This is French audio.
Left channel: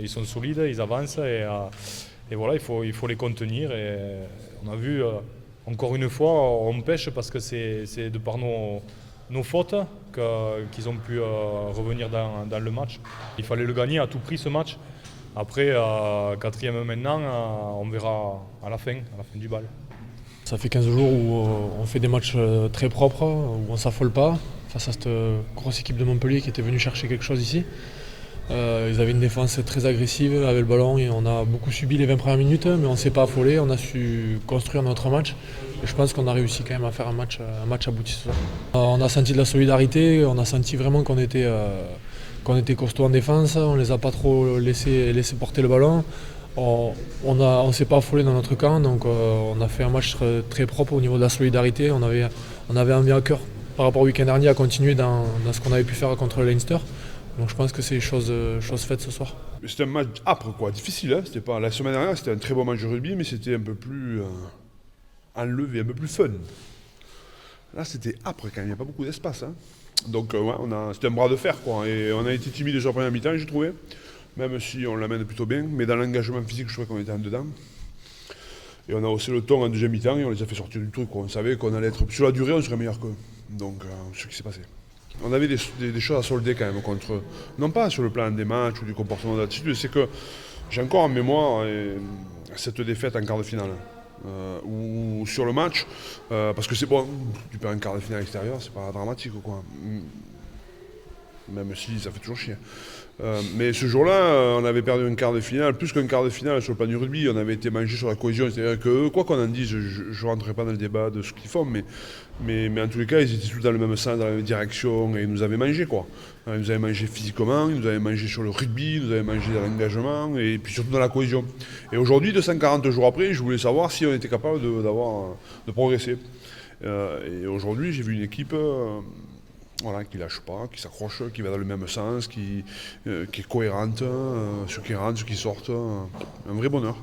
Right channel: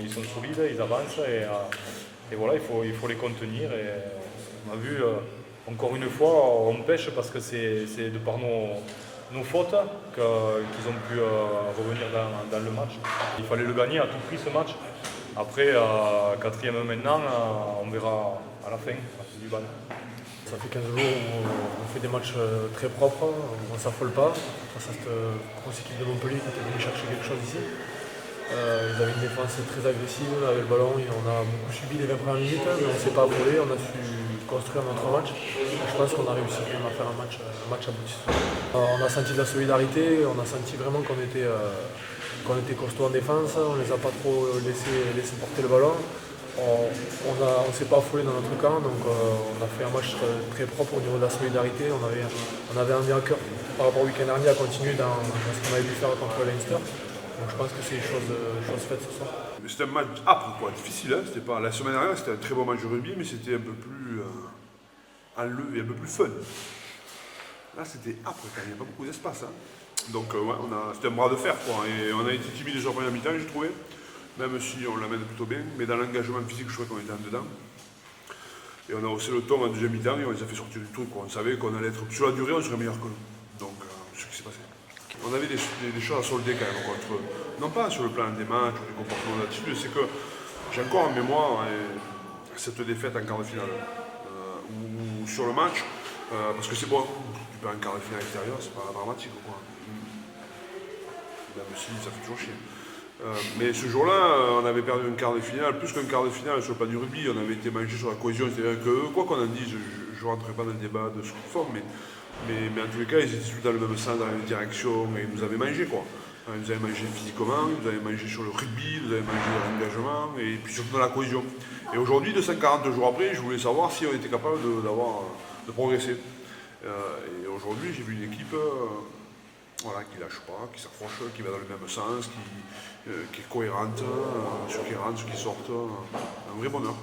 Ils sont solides, ils avancent et voilà, il faut les contenir. Et on a vu, encore une fois, on pêche parce que c'est de par nos fautes qu'ils ont pu revenir dans le match. Il fallait le gagner à tout prix ce match. Après, quatrième maintenant, on verra à la fin du bal. Ça fait 15 jours où on fait des matchs très propres, où on ne s'affole pas face à cette grosse équipe de Montpellier qui était venue chercher quelque chose ici. Ils avaient une défense très agressive avec le ballon et on a beaucoup subi les 20 premières minutes, mais on ne s'est pas affolé, on a su construire notre match. Et je pense qu'on a réussi quand même à faire un match abouti. On a senti de la solidarité, on a senti vraiment qu'on était costaud en défense, on ne les a pas trop laissé porter le ballon. On ne s'est pas affolé dans notre camp, donc on a fait un match très propre au niveau de la solidarité. On avait envie à cœur par rapport au week-end dernier à continuer dans ce qu'on avait pu faire contre le Leinster. Donc je pense que c'est chose faite ce soir. C'était un match âpre, quoi, difficile. Hein. C'était pas... La semaine dernière, c'était un très bon match de rugby, mais c'était un peu plus enlevé, un peu plus fun. Là, c'était âpre quand même, il n'y a pas beaucoup d'espace. Hein. Donc, ouais, c'était un bras de fer, quoi. Et on a été timide déjà en première mi-temps, j'ai trouvé. Même si on l'amène plutôt bien. Mais dans l'engagement physique, je crois qu'on était en dedans. Et on a haussé le ton en deuxième mi-temps et on les a fait sortir du truc, quoi. On savait qu'on allait être. Sur la durée, on serait meilleur qu'eux. Donc, c'est ce qui s'est passé. On avait des choses à solder quand même contre eux. Non pas sur le plan des matchs ou du comportement de l'attitude, c'est que j'ai encore en mémoire cette défaite en quart de finale. Ou sur le match, parce que c'est bon, tu perds un quart de finale extérieur, c'est pas dramatique quoi. Même si ça fait toujours chier. Mais ce jour-là, on avait perdu un quart de finale, plus qu'un quart de finale sur le plan du rugby, on avait été mangé sur la cohésion. C'est-à-dire que, quoi qu'on en dise, je ne rentrerai pas dans le débat de ce qu'ils font, mais en tous les cas, ils étaient tous dans le même sens, dans la même direction, et ils nous avaient mangé, quoi. Ils nous avaient mangé physiquement, ils nous avaient mangé sur le rugby, ils nous avaient mangé dans l'engagement, et puis surtout dans la cohésion. Et aujourd'hui, 240 jours après, je voulais savoir si on était capable de progresser. Et aujourd'hui, j'ai vu une équipe voilà, qui lâche pas, qui s'accroche, qui va dans le même sens, qui est cohérente, ceux qui rentrent, ceux qui sortent. Un vrai bonheur.